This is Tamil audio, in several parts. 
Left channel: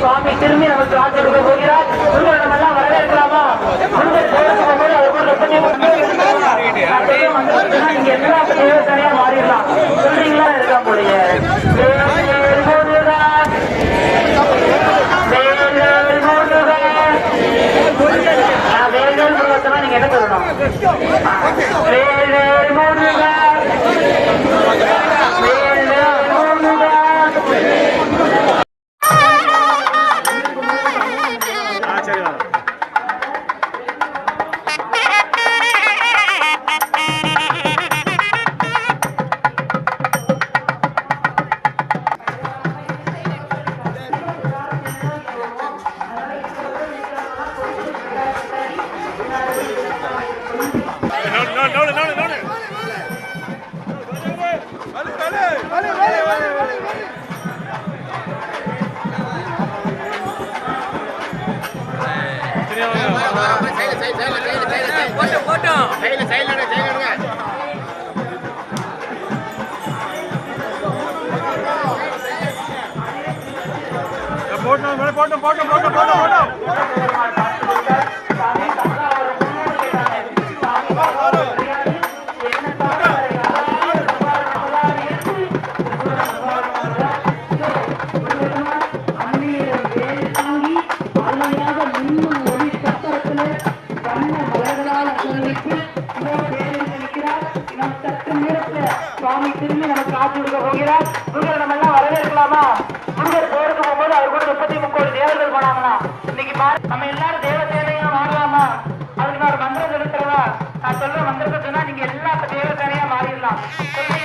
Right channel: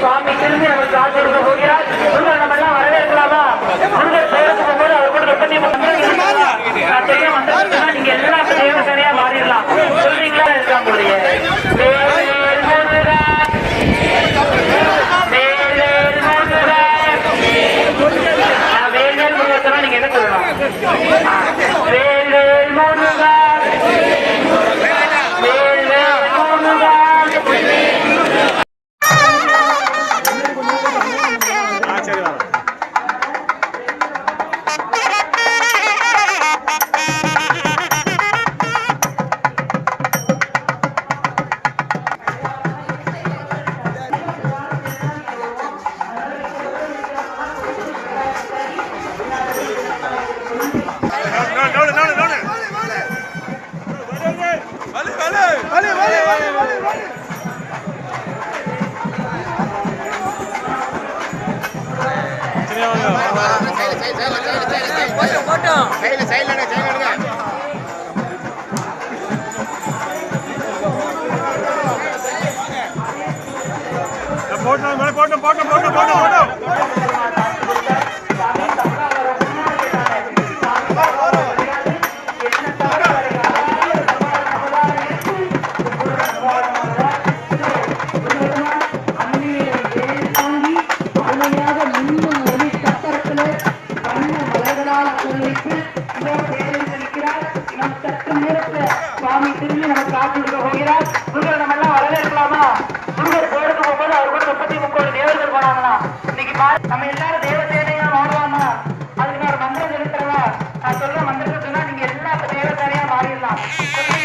சுவாமி திரும்பி நமக்கு கொடுக்க போகிறார். எல்லாம் வரவேற்கலாமா? முருகன் தேர்ந்து போகும்போது அவர் கூட ரொம்ப நீங்க எல்லா தேவசனையா மாறிடலாம். சொல்றீங்களா? இருக்கா போலிய வேல் முருகா வேல் முருகா நான் வேல் முருகத்தனா நீங்க என்ன சொல்லணும்? வேல் முருகா போட்டோம் போட்டோம் போட்டோம் போட்டோம் போட்டோம் Yeah.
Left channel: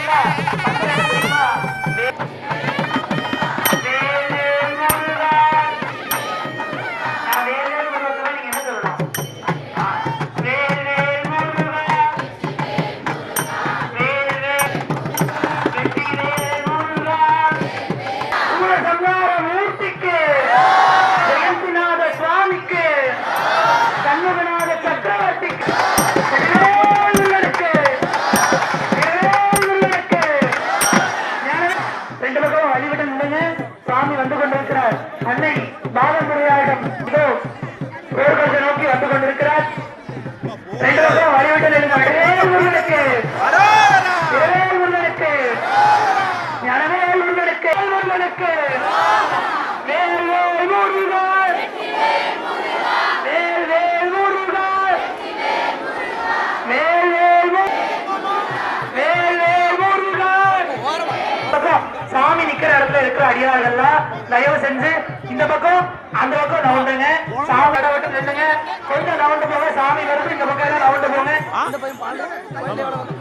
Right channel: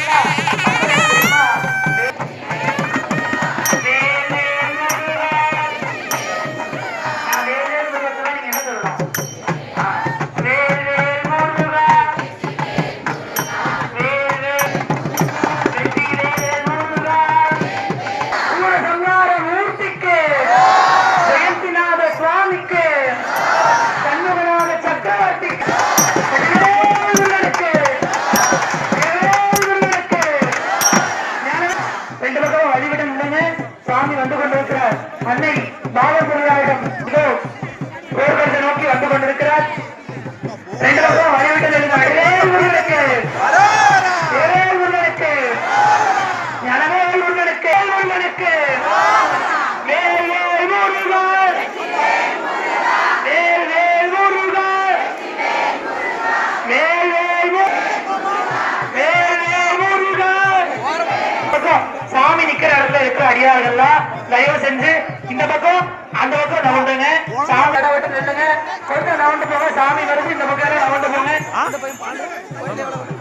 தயவு செஞ்சு இந்த பக்கம் அந்த பக்கம் நவுண்டுங்க சாமி நவுண்டு நில்லுங்க கொஞ்சம் நவுண்டு போங்க. சாமி வருது. இந்த பக்கம் நவுண்டு போங்க.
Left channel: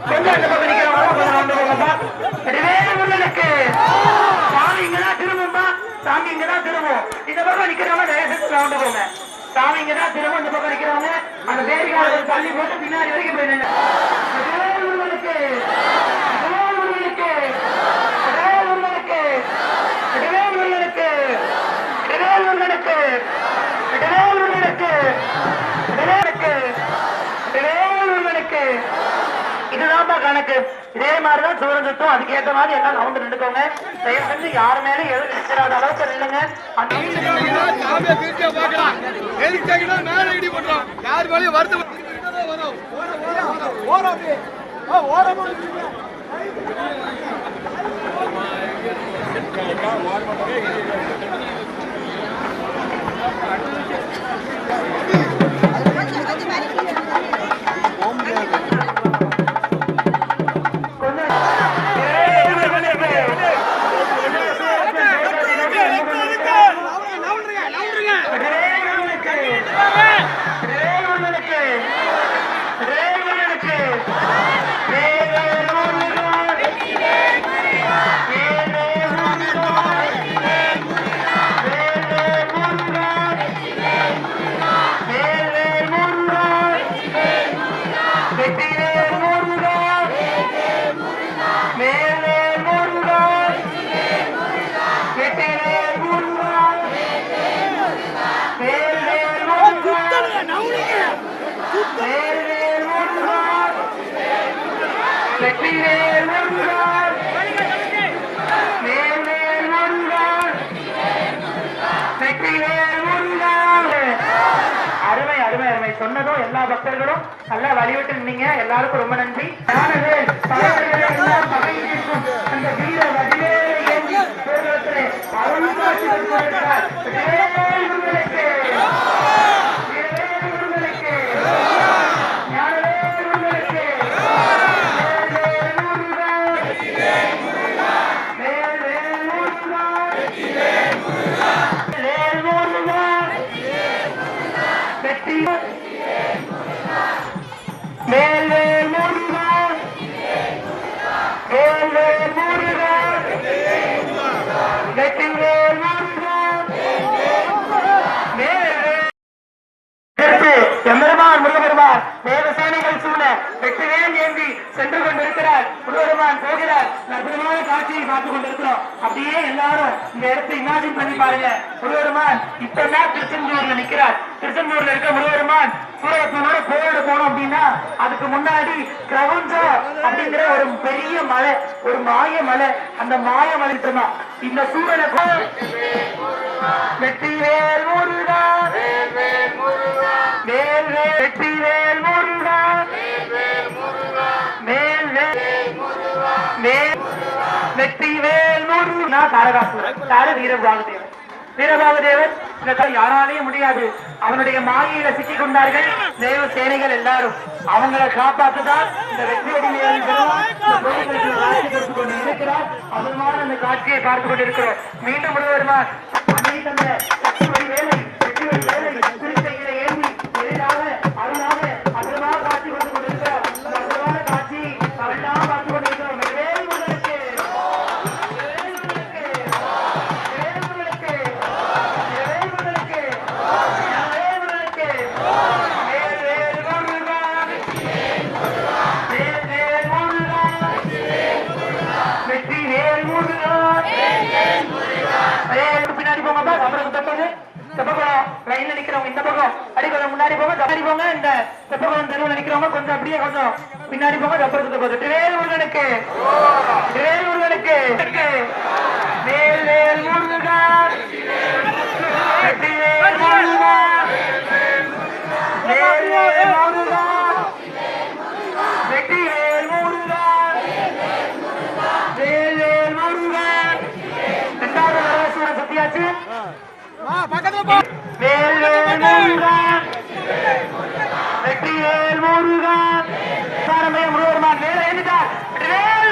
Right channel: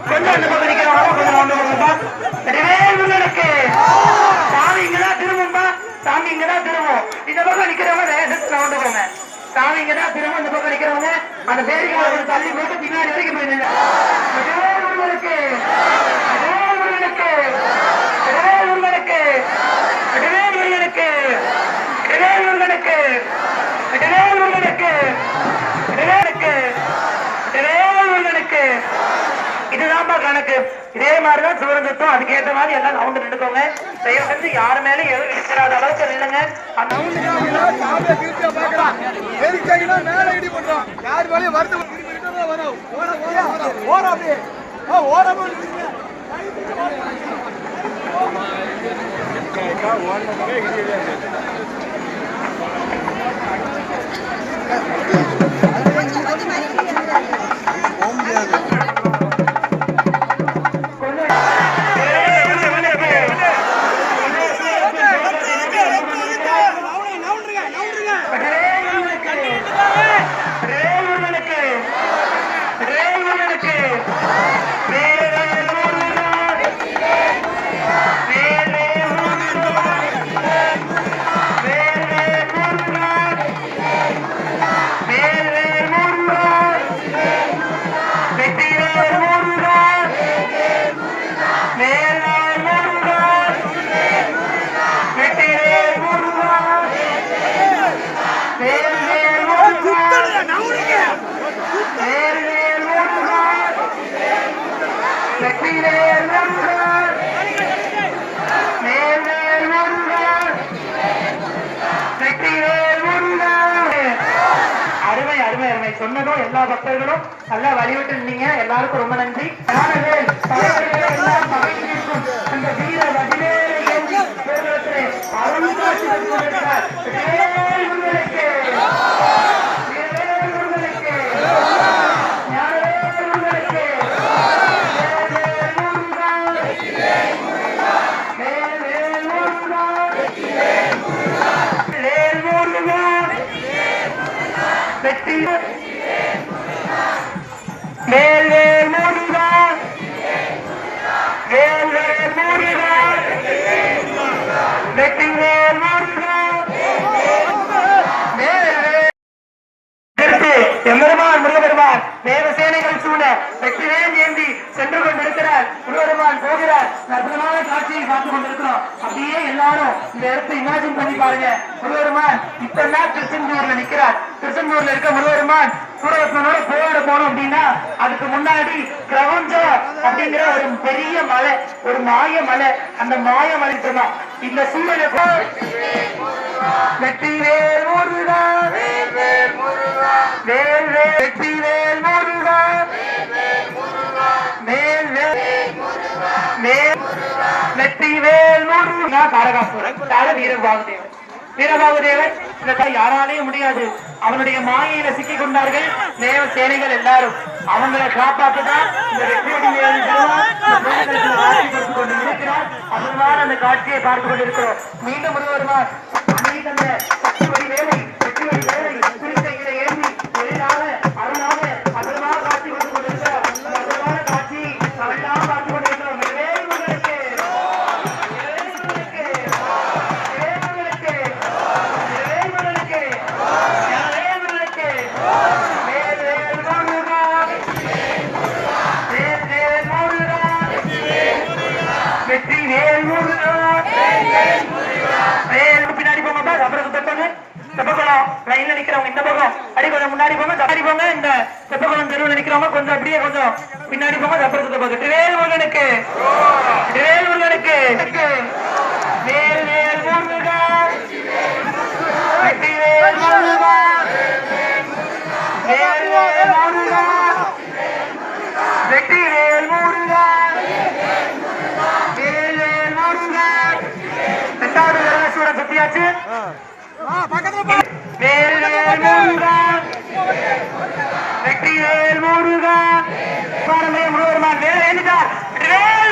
கொஞ்சம் அந்த பக்கம் நிக்கிறவங்க கொஞ்சம் நவுண்டு போங்கப்பா சாமி இங்கதான் திரும்பும்பா சாமி இங்கதான் திரும்பும். இந்த பக்கம் நிக்கிறவங்க தயவு செஞ்சு நவுண்டு போங்க. சாமி இங்கதான் திரும்ப இந்த பக்கம் நிக்கிறவங்க அந்த பேருக்கு பள்ளி போட்டு பின்னாடி வரைக்கும் போயிருந்தாங்க வேல் முருகனுக்கு வேல் முருகனுக்கு வேல் முருகனுக்கு வேல் முருகனுக்கு வேல் முருகனுக்கு வேல் முருகனுக்கு வேலுக்கு இதுதான்ப்பா கணக்கு இதே மாதிரிதான் அதுக்கு அதுக்கேற்ற மாதிரி எல்லாம் ரவுண்டு நின்றுக்கோங்க தயவு செஞ்சு யாரு மேலும் எதுவும் இடிச்சிடாத அளவுக்கு நில்லுங்க அந்த மேல இடி வரும் ஓர அப்படியே ஓர வேவேல் முருகன் வெற்றிவேல் முருகன் வேவேல் முருகன் அருமை எல்லா பக்தர்களும். நல்லா வழிவிட்டு இருந்தீங்க எல்லாருக்கும் ரொம்ப நன்றி. அந்த வீர அருள் காட்சி முருகபெருமான் போகிறார். அற்புதமான காட்சியை பார்த்து கொண்டிருக்கிறோம். அப்படியே எல்லாரும் இந்த இடத்தை இமேஜின் பண்ணி பாருங்க. முருகபெருமான் இப்பெல்லாம் திருச்செந்தூர்ல நிக்கிறார். திருச்செந்தூர்ல இருக்க முருகபெருமான் சூரரத்னோட போராட போனோம் அப்படின்னா அதுக்கு முன்னாடி கிரவஞ்ச அப்படிங்கிற ஒரு பெரிய மலை ஒரு மாய மலை. அந்த மாய மலை சொன்னா இந்த சூரனை போ- வெற்றிவேல் முருகா. வேல் வேல் முருகா. வேல் வேல் முருகா. வேல் வெற்றிவேல் முருகா தாரகாசுரன் தார வீரபாகுதேவன் வீரபாகுதேவன் இந்த கதை யாராலையும் முடியாது. அவனுடைய மாயையில சிக்கி கொண்டார்கள். தேவ சேனைகள் எல்லாரும். அவங்களை காப்பாற்றுதான் இந்த வெற்றியடி கொண்டு இருக்கிறார் அற்புதமான அந்த காட்சியை பார்த்து கொண்டிருக்கிறோம். மீண்டும் முருகருமான் அமைதி தந்த வேலை பின்னாடி போங்க இந்த தெப்பகுளம் தெருவு நிக்கிறவங்க கொஞ்சம் அப்படியே கொஞ்சம் பின்னாடி போங்க அப்புறம் போகுது. வேல் முருகனுக்கு. வேல் முருகனுக்கு. வேல் வேல் முருகா வேல் முருகா வேல் வேல் முருகா வெற்றி வேல் முருகா வேல் வேல் முருகா ரெண்டாவது வேல் வேல் முருகா வெற்றிவேல் முருகா. பாரம்பரிய முருகருமான் வேலை எழுந்தார் வேல்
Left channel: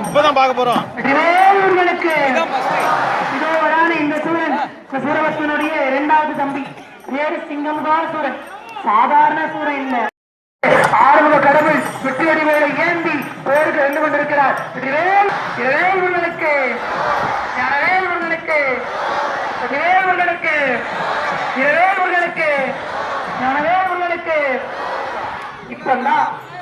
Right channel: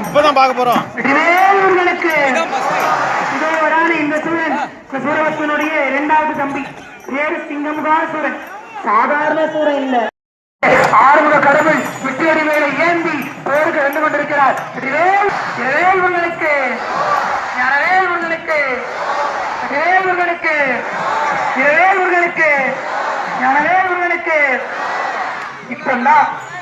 இப்பதான் பார்க்க போறோம். இந்த சூழன் இந்த சூரபத்மனுடைய இரண்டாவது தம்பி பேரு சிங்கம்கான சூரன். சாதாரண சூரன் இல்ல. கடவுள் வெற்றியடி வேலை ஏந்தி போருக்கு வந்து கொண்டிருக்கிறார். வேல் வேல் முருகனுக்கு. ஞானவேல் முருகனுக்கு. வேல்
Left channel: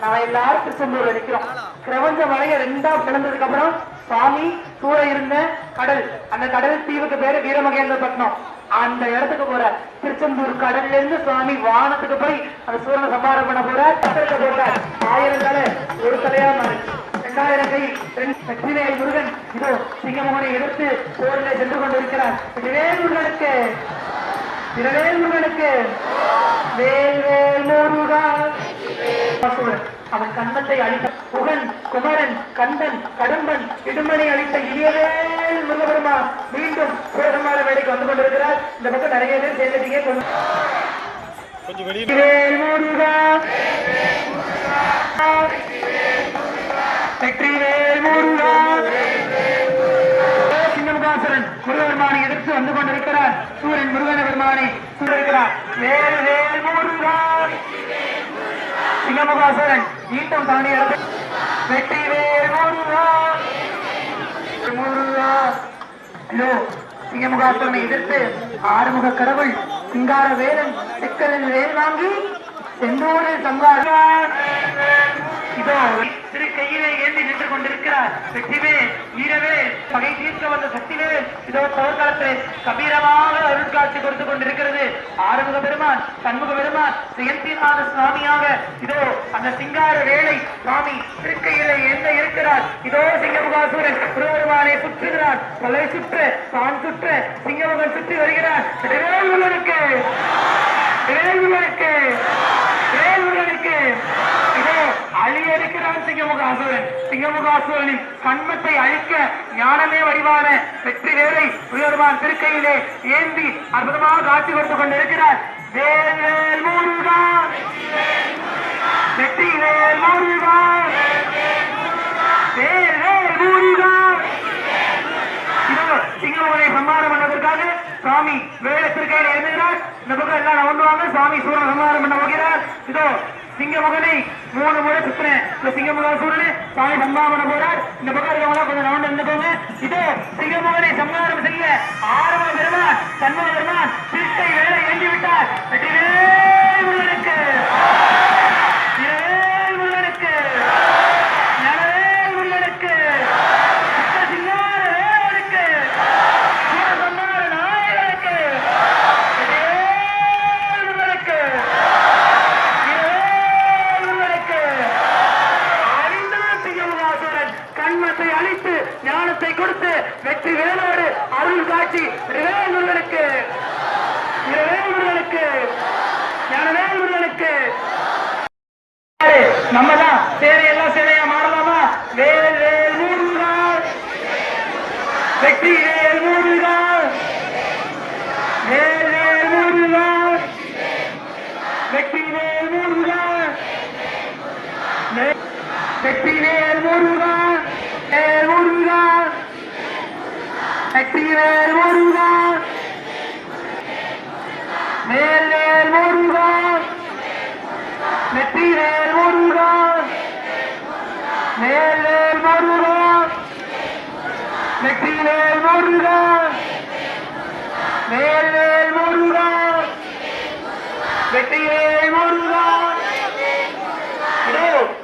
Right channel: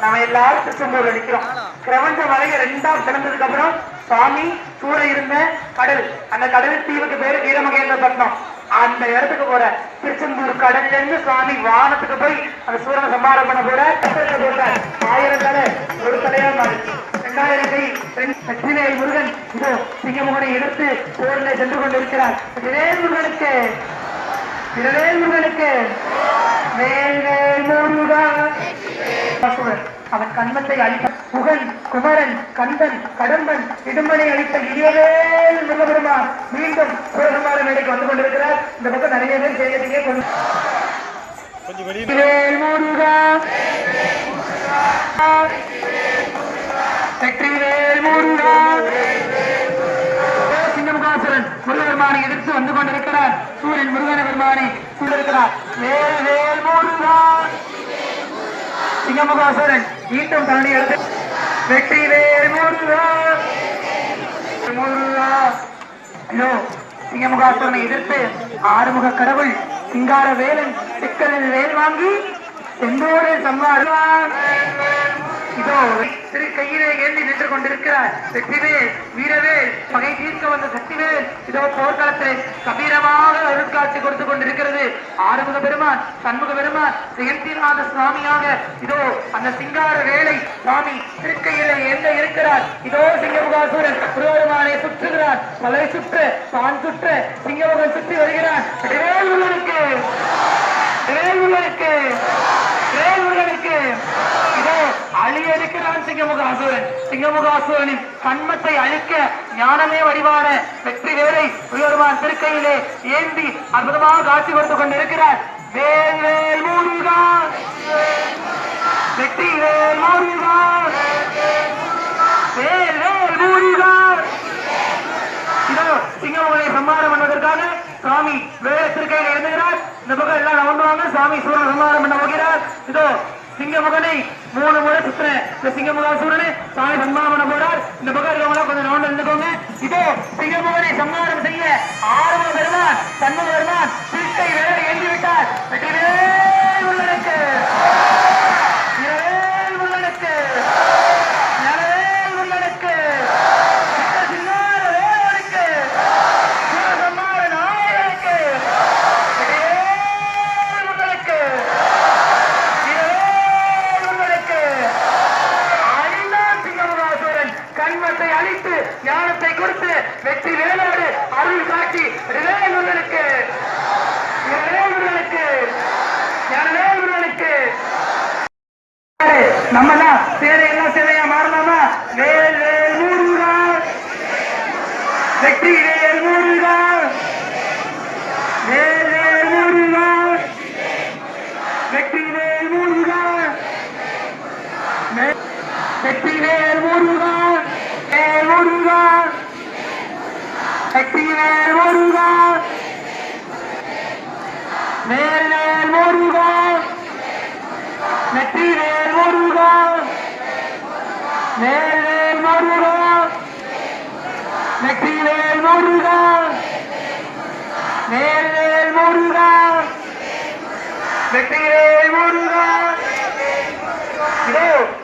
நம்ம எல்லாரும் திருச்செந்தூர் நிக்கிறோம். பிரபஞ்ச மலையை ரெண்டா பிளந்ததுக்கு அப்புறம் சாமி சூழ இருந்த கடல். அந்த கடல் தீவுக்கு பேரு வீரமகேந்திரபட்டினம். அந்த இடத்துக்கு போற திருச்செந்தூர் கடல்ல இருந்து சுவாமி வானத்துக்கு போய் அந்த சூரனை சம்பாரம் பண்ண போற போற ஆயிரம் ஒரு தலையா மாறிச்சு ரெண்டாயிரம் முருகன் இதோ எடுத்து போரில் சென்று கொண்டிருக்கிறார். இதுவே முருகனுக்கு இதுவே முருகனுக்கு வேல் வேல் முருகா. அவன் கண்ணத்தை அழித்த புகன் குமரன் கந்தன் கடம்பன் இடும்பனை அழித்த இடியவே நிலவருமா மீண்டும் சோழமான வேலைக்கு வந்து கொண்டிருக்கிறார். இந்த பக்கம் நிறைய பேர் செய்யறதுக்கே கொண்டு கொஞ்சம் முருகா முருகபெருமானை எதிர்த்து வந்து கொண்டிருக்கிறார். சூரியன் முருகபெருமானை சூழ்ந்திருக்கிறார் வேல் வேல் முருகா. சிங்கமுகாசுரன் மீண்டும் தன்னுடைய எடுத்து வெற்றி முருகா. முருகா. ஐயோ சிங்கமுகாசுரனை எதிர்த்து ஆறுமுக கடவுள் சிங்கார வேலன் சிக்கலில் வேல் வாங்கி சென்றோரை சம்பாடுவான் இதோ திரு கையிலே ஏந்தி நின்று கொண்டிருக்கிறார் வெற்றிவேல் வீரவேல் பகை தீர்க்க வந்த சக்திவேல் இதோ போர்க்காலத்தில் கபீரமாக அருட்காட்சி கொடுத்து கொண்டிருக்கிறது. ஆறுமுக பெருமான் சண்முக பெருமான் செயற்கைநாத சுவாமியாக இதோ அந்த சிங்கார வேலை சுவாமி திருக்கையிலே எந்த இருக்கிறார். இதோ சிங்கமுகாசூரன் குருவருமானை சுற்றுகிறார். கொலை சுற்று பான் சுற்று சிங்கமுகன் சுற்றி வருகிறார். இறைவனுக்கு இறைவனுக்கு இறைவனுக்கு இதோ அழியறுக்கிறான் சிங்கமுகாசுரன். சிங்கமுகாசுரனின் கண்மத்தை அழிக்க ஞானமே வடிவான வெற்றி வேலை உயர்வான் திருக்கையிலே ஏந்தி அற்புதமாக காட்சி கொடுத்து கொண்டிருக்கிறார். வேல் முருகா வெற்றி வேல் முருகா வேல் முருகா இதோ சிங்கமோனை சம்மாரம் பண்ணுவதற்காக சுவாமி வேடத்திற்காக எழுதுகிறார் இந்த பக்கம் எல்லாம் நவண்டுவாங்க சுவாமி சூரன் சம்மாரம் பண்ண போகிறார்? இதோ சிங்கமுகனை மூணு முறை சுத்துறேன் இந்த சிங்கமுக சூரனு சுவாமி சம்மாரம் பண்ண போறார் இந்த பக்கம் இருக்கவங்க கொஞ்சம் நவண்டு இருந்துக்கோங்க. இதோ சிங்கமுகனை சம்மாரம் செய்ய ஆர்வம் வருவான் தன்மை வருவான் சிற்கை வேலை ஏந்தி விட்டார் வெற்றிவேல் உள்ளனுக்கு வேல் உள்ளனுக்கு நலவேல் உள்ளனுக்கு சிங்கார வேலுக்கு சூரசம்மார நாயகனுக்கு வேல் உள்ளனுக்கு வேல் உள்ளனுக்கு ஐந்தாம் சிங்கமுகாசுரன் கண்மத்தை அழித்து ஞானத்தை கொடுத்து வெற்றி வேலோடு அருள் காட்டி வேல் உள்ளனுக்கு வேல் உள்ளனுக்கு ஞானவேல் உள்ளனுக்கு நம்ம தான் சேரையெல்லாம் சேரையா மாறலாமா வேல் வேல் முருகா வெற்றி வேல் முருகா வேல் வேல் முருகா வெற்றி வேல் முருகா வே- வெற்றி வேல் முருகா வேல் முருகா வெற்றி வேல் முருகா வேல் வேல் முருகா வெற்றி வேல் முருகா வேல் வேல் முருகா வெற்றி வேல் முருகா வேல் வேல் முருகா வெற்றி முருகா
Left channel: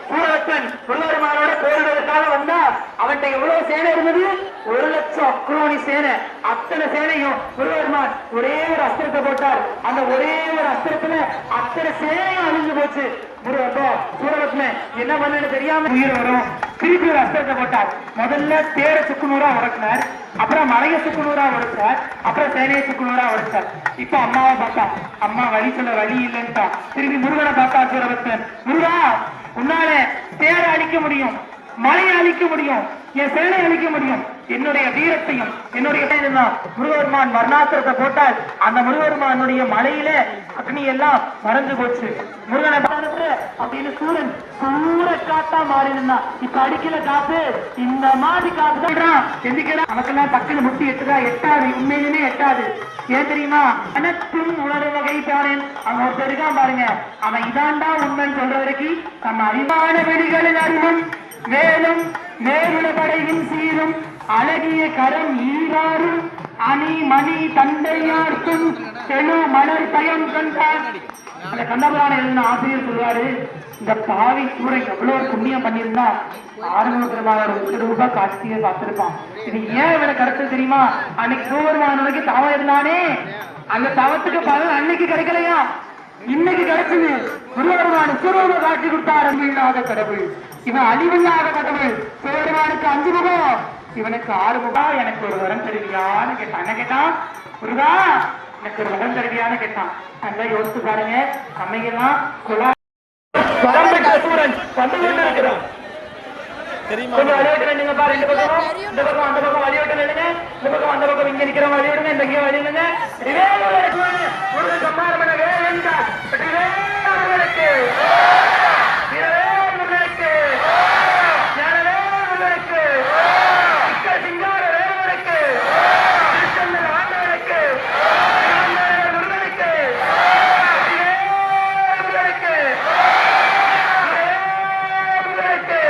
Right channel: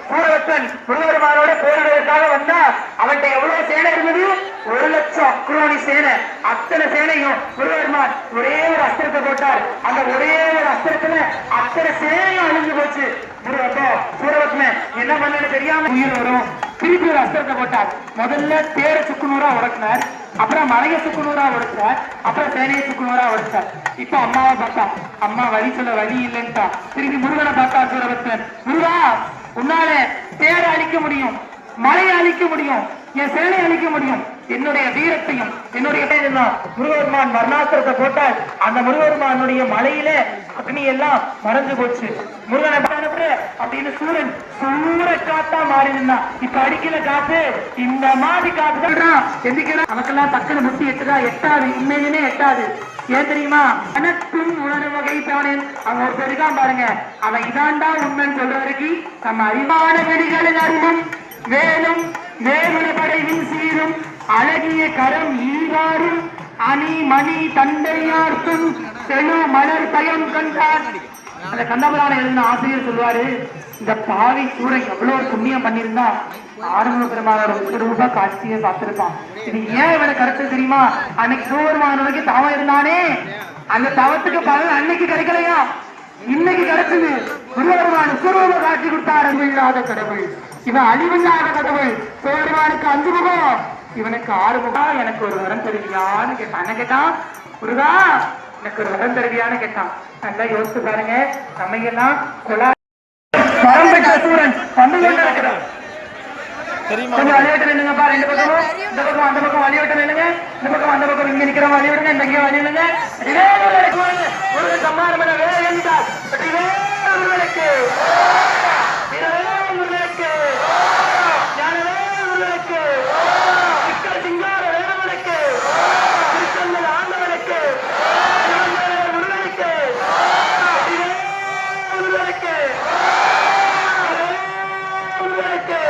சூரத்தன் முருகருமாரோட போரிடுவதற்காக வந்தா அவன் எவ்வளவு சேனை இருந்தது ஒரு லட்சம் அக்ரோணி சேனை அத்தனை சேனையும் முருகருமான் ஒரே ஒரு அஸ்திரத்தை போட்டார். அந்த ஒரே ஒரு அஸ்திரத்துல அத்தனை சேனையும் அழிஞ்சு போச்சு. முருகன் சூரரத்ன என்ன பண்ணு தெரியாம உயிர் வரும் திருப்பி ஒரு அஸ்திரத்தை போட்டார். முதல்ல தேரை சுக்குநூறா உடக்கினார் அப்புறம் மலைய சுக்குநூறா உடைச்சார் அப்புறம் சேனைய சுக்குநூறா உடைச்சார் இப்ப அம்மாவை பார்த்தா அம்மா வழி சொல்ல வழி இல்லைன்ட்டா திருப்பி முருகனை பார்த்தா சூரரத்னன் முருகா உன்னால தேரை அழிக்க முடியும் மலையை அழிக்க முடியும் என் சேனை அழிக்க முடியும். என்னுடைய வீரத்தையும் என்னுடைய தேஜஸும் முருகபெருமான் வர்ணாசிரத்தை போட்டால் அந்த முருகபெருமானுடைய மலையில அக்னி எல்லாம் மறைஞ்சு போச்சு. முருகனை அப்படின்னு சூரன் சூர காத்தா மாறி நின்னா இப்ப அடிக்கிற காத்து இந்த மாதிரி காத்து சொல்றான் எந்திக்கிறா. நமக்கெல்லாம் டக்குனு முட்டி எட்டுதா எட்டாது. உண்மையிலுமே எட்டாது. ஏன் தெரியுமா? அனைத்தும் உணர்வு வகை தானேன் அவன் ஒருத்தர் இருக்கான் பாருங்க. அவன் இதான்டா உண்மைன்னு சொல்ற வரைக்கும் நம்ம அறிவான வெடிகளில் அறிவும் மேலும் மேலும் படையும் சீரும் அழகிய கரம் ஈவாறு அணி மணி தந்தையார்க்கும் செழு மலர் பயன் கண்டார். அந்த கந்தபுராண எழுதின ஆசிரியர் சொல்வாரு இந்த பாவி சூரன் எவ்வளவு புண்ணியம் பண்ணியிருந்தா ஆறுமுக பெருமானோட முப்பது ரூபாய் காட்சியை பார்த்திருப்பான். இது ஏன் இவன கருத்து தெரியுமா? அன்னைக்கு சிவபெருமானோட தவம் இருந்தானே? அந்த தவத்துக்கு பலன் அன்னைக்கு கிடைக்கலையா? இன்னைக்கு கிடைச்சது. குருவருமான சுரூப காட்சி கொடுத்தார். அழிவில்லாத கடவுள். இவன் அழிவில்லாத கடவுள். சிவபெருமானுக்கு அஞ்சு முகம் இவனுக்கு ஆறு முகம் எனக்கு ஒரு வரம் தருவியான்னு கேட்டான். கேட்டான்? குருதா எனக்கு ஒரு வரம் தருவியான்னு கேட்டான். நல்லா யோசிச்சு பாருங்க. இருக்கிறோம் கொஞ்சம் வழி விட்டு நில்லுங்க பாரு இந்த பக்கம் இந்த பக்கம் அந்த பக்கம் வழி விட்டு நில்லுங்க. இந்த பக்கம் அந்த பக்கம் இங்க நிக்கிறவங்க வழி விடுங்க இந்த இங்கே வழி விடுங்க முருகன் சம்மானம் என வேறு என்றார் முருகனுக்கு முருகனுக்கு ஞானவே முருகனுக்கு சிக்கல் சிங்கார வேறுவனுக்கு திருச்செந்தல் ஆண்டவனுக்கு திருவண்ணாமலை முருகனுக்கு முருகனுக்கு முருகனுக்கு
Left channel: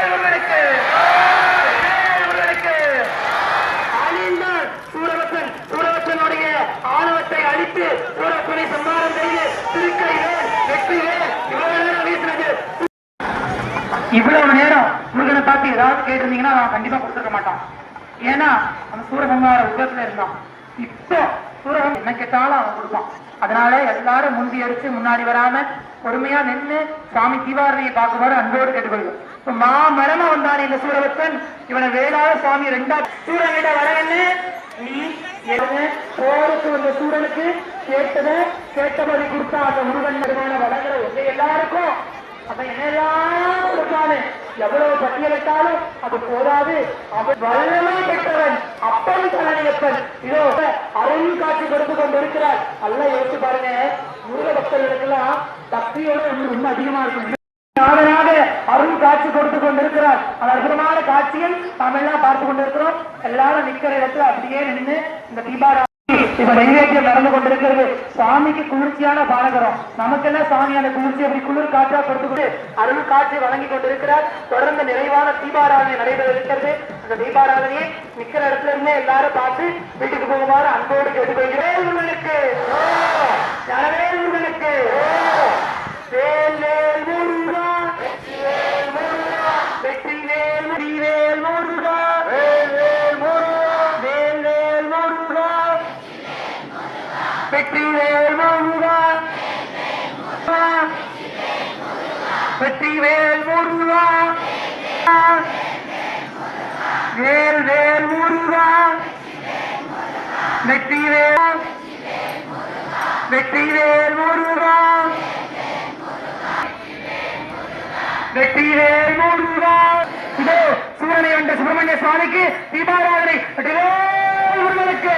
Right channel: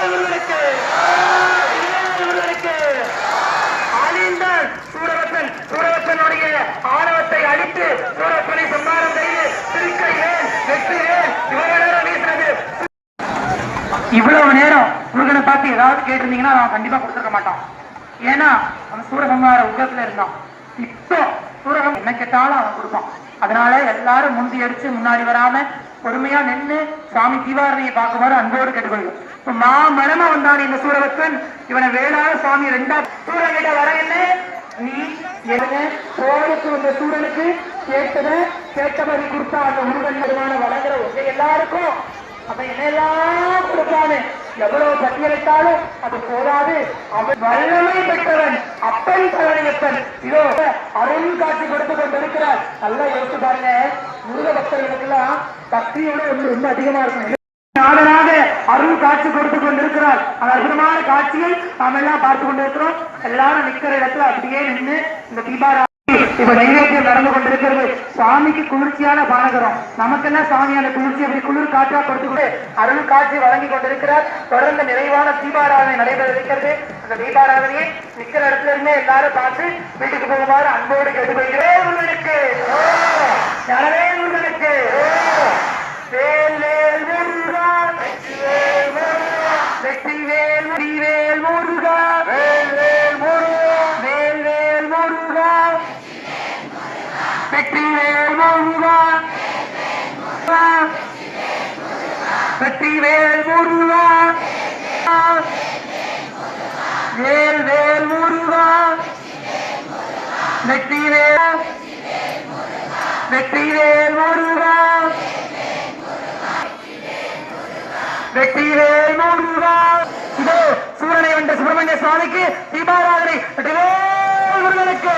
இவர்களுக்கு இவர்களுக்கு அழிந்தார் சூரவத்தன் சூரவத்தனுடைய ஆணவத்தை அழித்து சூரப்பனை சம்மாரம் செய்து திருக்கையிலே வெற்றியிலே இவர்களோட வீசினது இவ்வளவு நேரம் முருகனை பார்த்து ஏதாவது கேட்டிருந்தீங்கன்னா கண்டிப்பா கொடுத்துருக்க மாட்டான் ஏன்னா அவன் சூரசம்ஹார உலகத்துல இருந்தான் இப்ப சூரகம் என்ன கேட்டாலும் அவன் கொடுப்பான். அதனால எல்லாரும் முந்தி அடிச்சு முன்னாடி வராம பொறுமையா நின்று சுவாமி தீபாரணையை பார்க்குமாறு அன்போடு கேட்டுக்கொள்ளும் நான் மரணம் வந்தான் இந்த சூரகத்தன் இவனை வேளாத சுவாமி ரெண்டா சூரனிட வர நீ போருக்கு வந்த சூரனுக்கு கேட்டத கேட்டபடி கொடுத்தா அந்த முருகன் வருமான வழங்குற எல்லாருக்கும் அப்ப என்னெல்லாம் கொடுப்பானு எவ்வளவு பட்டியலிட்டாலும் அது போதாது. அவன் நல்லவே பெற்றவன் அப்பன் தலையத்தன் இதோ அருண் காட்சி கொடுத்து கொண்டிருக்கிறார். நல்லா யோசிச்சு பாருங்க. மூல பக்தர்களுக்கெல்லாம் பக்தியோட ஒன்று ரொம்ப அதிகமா இருக்கும். நாடனாக அருள் காட்சி கொடுத்து கொண்டிருக்கிறார். அற்புதமான காட்சியை நாம் எல்லாம் பார்த்து கொண்டிருக்கிறோம். எல்லாரும் நிக்கிற இடத்துல அப்படியே நின்று இந்த தீபாரா இப்ப நெய்வேத்தியம் நடந்து கொண்டிருக்கிறது. சாமிக்கு குளிர்ச்சியான பானகரம். நமக்கெல்லாம் சாமியான குளிர்ச்சி அப்படி குளிர் காற்றா கொடுத்துக்கிட்டு அருள் காட்சி வழங்கி கொண்டிருக்கிறார். தொடர்ந்து நிறைவான தீபாராதனை நடைபெற இருக்கிறது அந்த தீபாராதனையை நிக்கிற இடத்துல இருந்தே எல்லாரும் பார்த்து வீட்டுக்கு போகுமாறு அன்போடு கேட்டுக்கொள்கிறேன். முருகனுக்கு ஞானவே முருகனுக்கு வேல். வெற்றிவேல் முருகா. வெற்றிவேல் முருகா. வேல் வேல் முருகா. வெற்றிவேல் வெற்றிவேல் முருகா. வெற்றிவேல் முருகா. இதோ சூரனை வந்த சுப்பிரமணிய சுவாமிக்கு தீபாராதனை. வெற்றிவேல் முருகனுக்கு.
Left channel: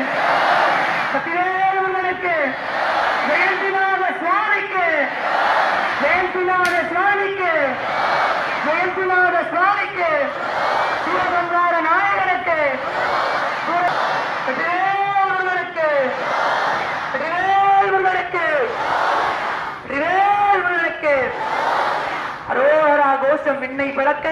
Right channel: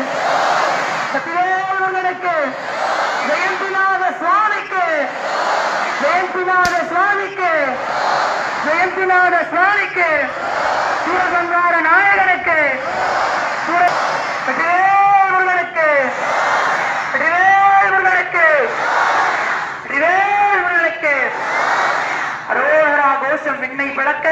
முருகனுக்கு முருகனுக்கு ஜெயந்திநாத சுவாமிக்கு ஜெயந்திநாத சுவாமிக்கு ஜெயந்திநாத சுவாமிக்கு சிவகங்கார நாயகனுக்கு முருகனுக்கு முருகனுக்கு முருகனுக்கு அரோகரா கோஷம் விண்ணை பிளக்க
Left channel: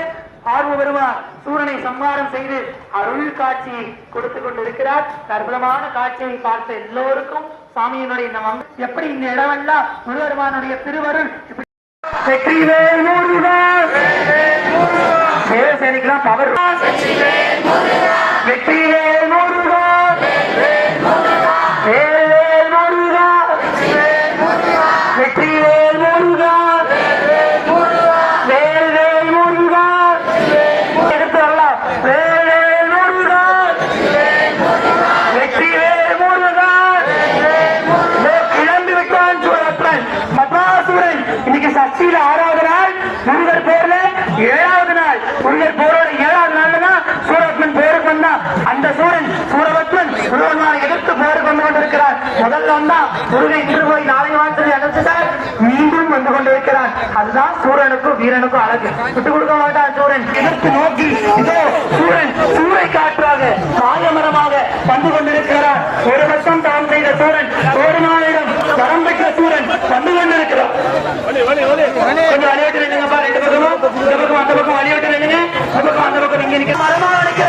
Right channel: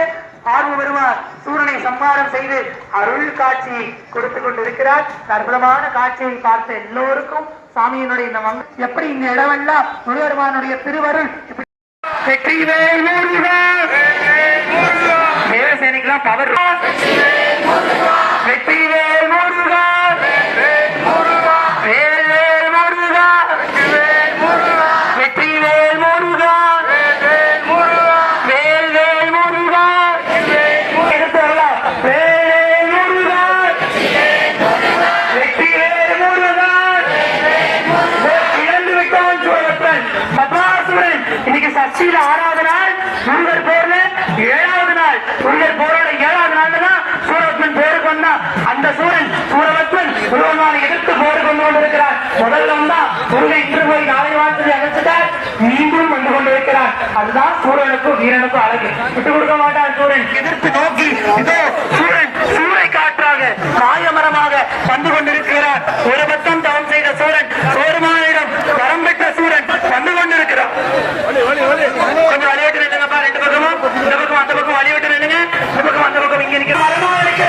சூரனை சம்மாரம் செய்து அருள் காட்சியை கொடுத்துக் கொண்டிருக்கிறார். அற்புதமான காட்சியை பார்த்த எல்லோருக்கும் சாமியினுடைய இந்த மங்க எப்படி இந்த இடமெல்லாம் முருகருமானுடைய திருவருள் வெற்றிவேல் பவர் வெற்றிவேல் உங்கள் போர்ல ஏழாவது நாள். உங்கள் போரோட ஏழாவது நாள்னா சூரத்மன் போருக்கு வந்தான் அந்த சூரன் சூரவத்மன் முருகன்மாரை எதிர்த்து போருக்கு கொண்டு கொண்டிருக்கிறார். முதல்ல வந்தா முருகன் இன்று போய் நாளை வாழ்த்து அழைச்சிட்டார். மீண்டும் வந்து கொண்டிருக்கிறார். அதுதான் சூரனுக்கும் வீரனுக்கும் அழகு. விட்டு கொடுக்க மாட்டான் சூரன். எதிர்த்து நோக்கி இதோ சூரன் சூறை காற்றாக காயமரமாக வந்து கொண்டிருக்கிறார். ஒரு பக்கம் தவம் செய்த சூரன் சோறுமானிடம் வரம் பெற்ற சூரன் வந்து கொண்டிருக்கிறார். பக்கம் இந்த பக்கம் அந்த பக்கம் வழி விட்டு நின்னுங்க இந்த பக்கம் அந்த பக்கம் இங்க மரமா நினைக்கிற